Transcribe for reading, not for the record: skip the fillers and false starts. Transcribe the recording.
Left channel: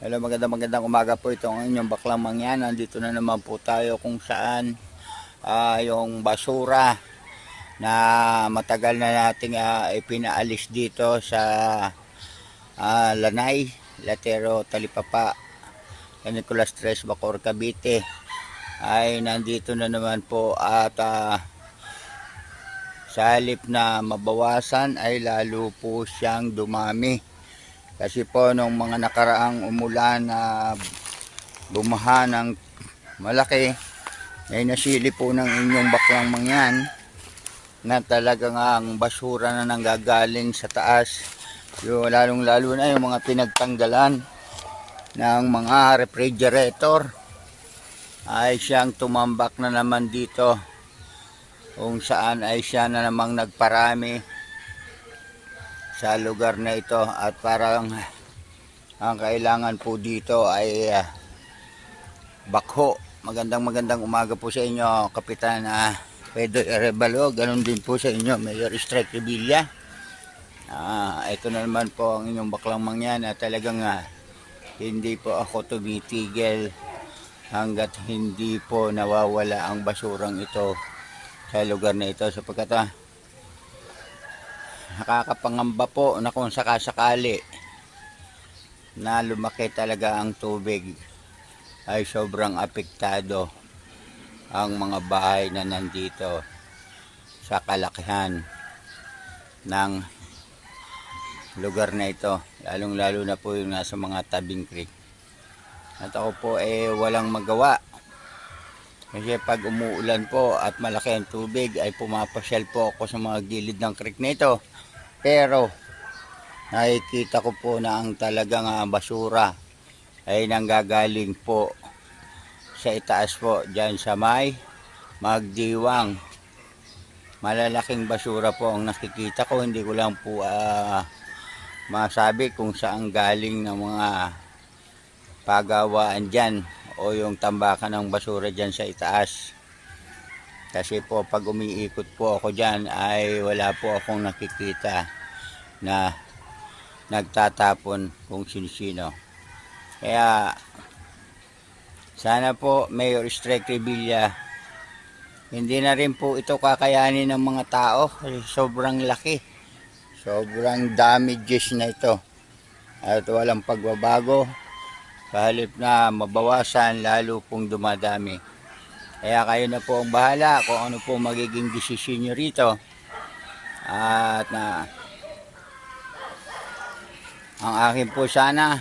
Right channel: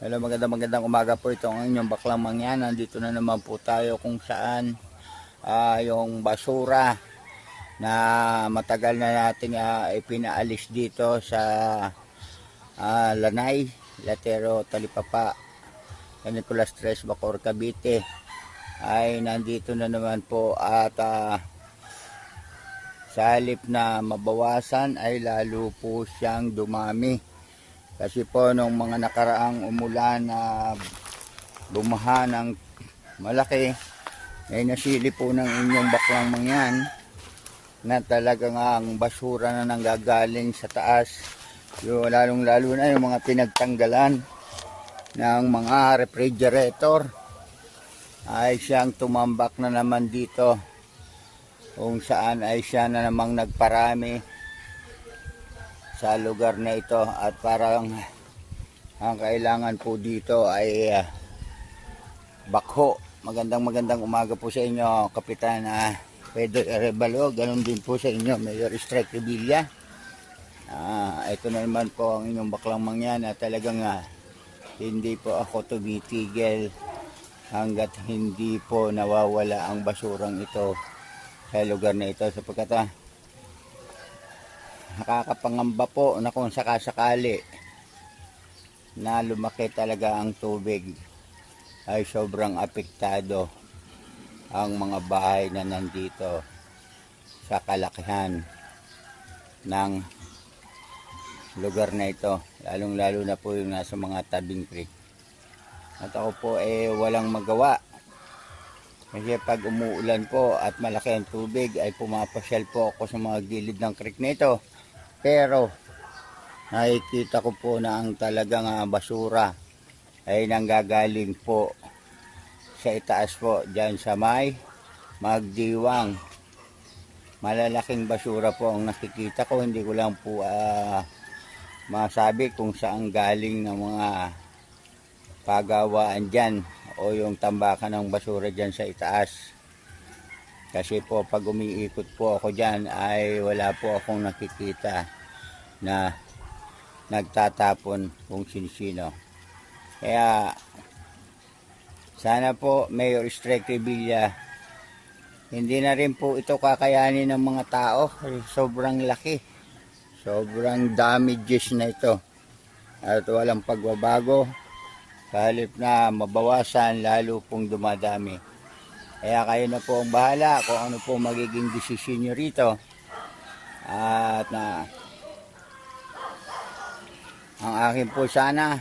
Hello, magandang umaga po, itong inyong baklang mangyan. Nandito na naman po tayo kung saan yung basura na matagal na nating ipinaalis dito sa Lanay, Latero, Talipapa, Nicolas Tres, Bacoor, Cavite ay nandito na naman po at sa halip na mabawasan ay lalo po siyang dumami. Kasi po nung mga nakaraang umulan na bumaha ng malaki, ay nasili po ng inyong baklang mangyan na talagang ang basura na nanggagaling sa taas. Yung lalong lalo na yung mga pinagtanggalan ng mga refrigerator ay siyang tumambak na naman dito, kung saan ay siya na namang nagparami sa lugar na ito. At parang ang kailangan po dito ay bakho. Magandang umaga po sa inyo, Kapitan Pedro Arevalo. Ganon din po sa inyo, Mayor Strike Revilla. Ito na naman po ang inyong baklang mangyan na talagang hindi po ako tumitigil hanggat hindi po nawawala ang basurang ito sa lugar na ito, sapagkat nakakapangamba po na kung sakasakali na lumaki talaga ang tubig ay sobrang apektado ang mga bahay na nandito sa kalakihan ng lugar na ito, lalong lalo na po yung nasa mga tabing creek. At ako po walang magawa, kasi pag umuulan po at malaki ang tubig ay pumapasyal po ako sa mga gilid ng creek nito. Pero nakikita ko po na ang talagang basura ay nanggagaling po sa itaas po, dyan sa may Magdiwang. Malalaking basura po ang nakikita ko. Hindi ko lang po masabi kung saan galing ng mga pagawaan dyan o yung tambakan ng basura dyan sa itaas. Kasi po pag umiikot po ako dyan ay wala po akong nakikita na nagtatapon kung sino-sino. Kaya sana po, Mayor Strike Revilla, hindi na rin po ito kakayanin ng mga tao. Sobrang laki, sobrang damages na ito at walang pagbabago. Pahalip na mabawasan, lalo pong dumadami. Kaya kayo na po ang bahala kung ano po magiging desisyon nyo rito. At ang akin po sana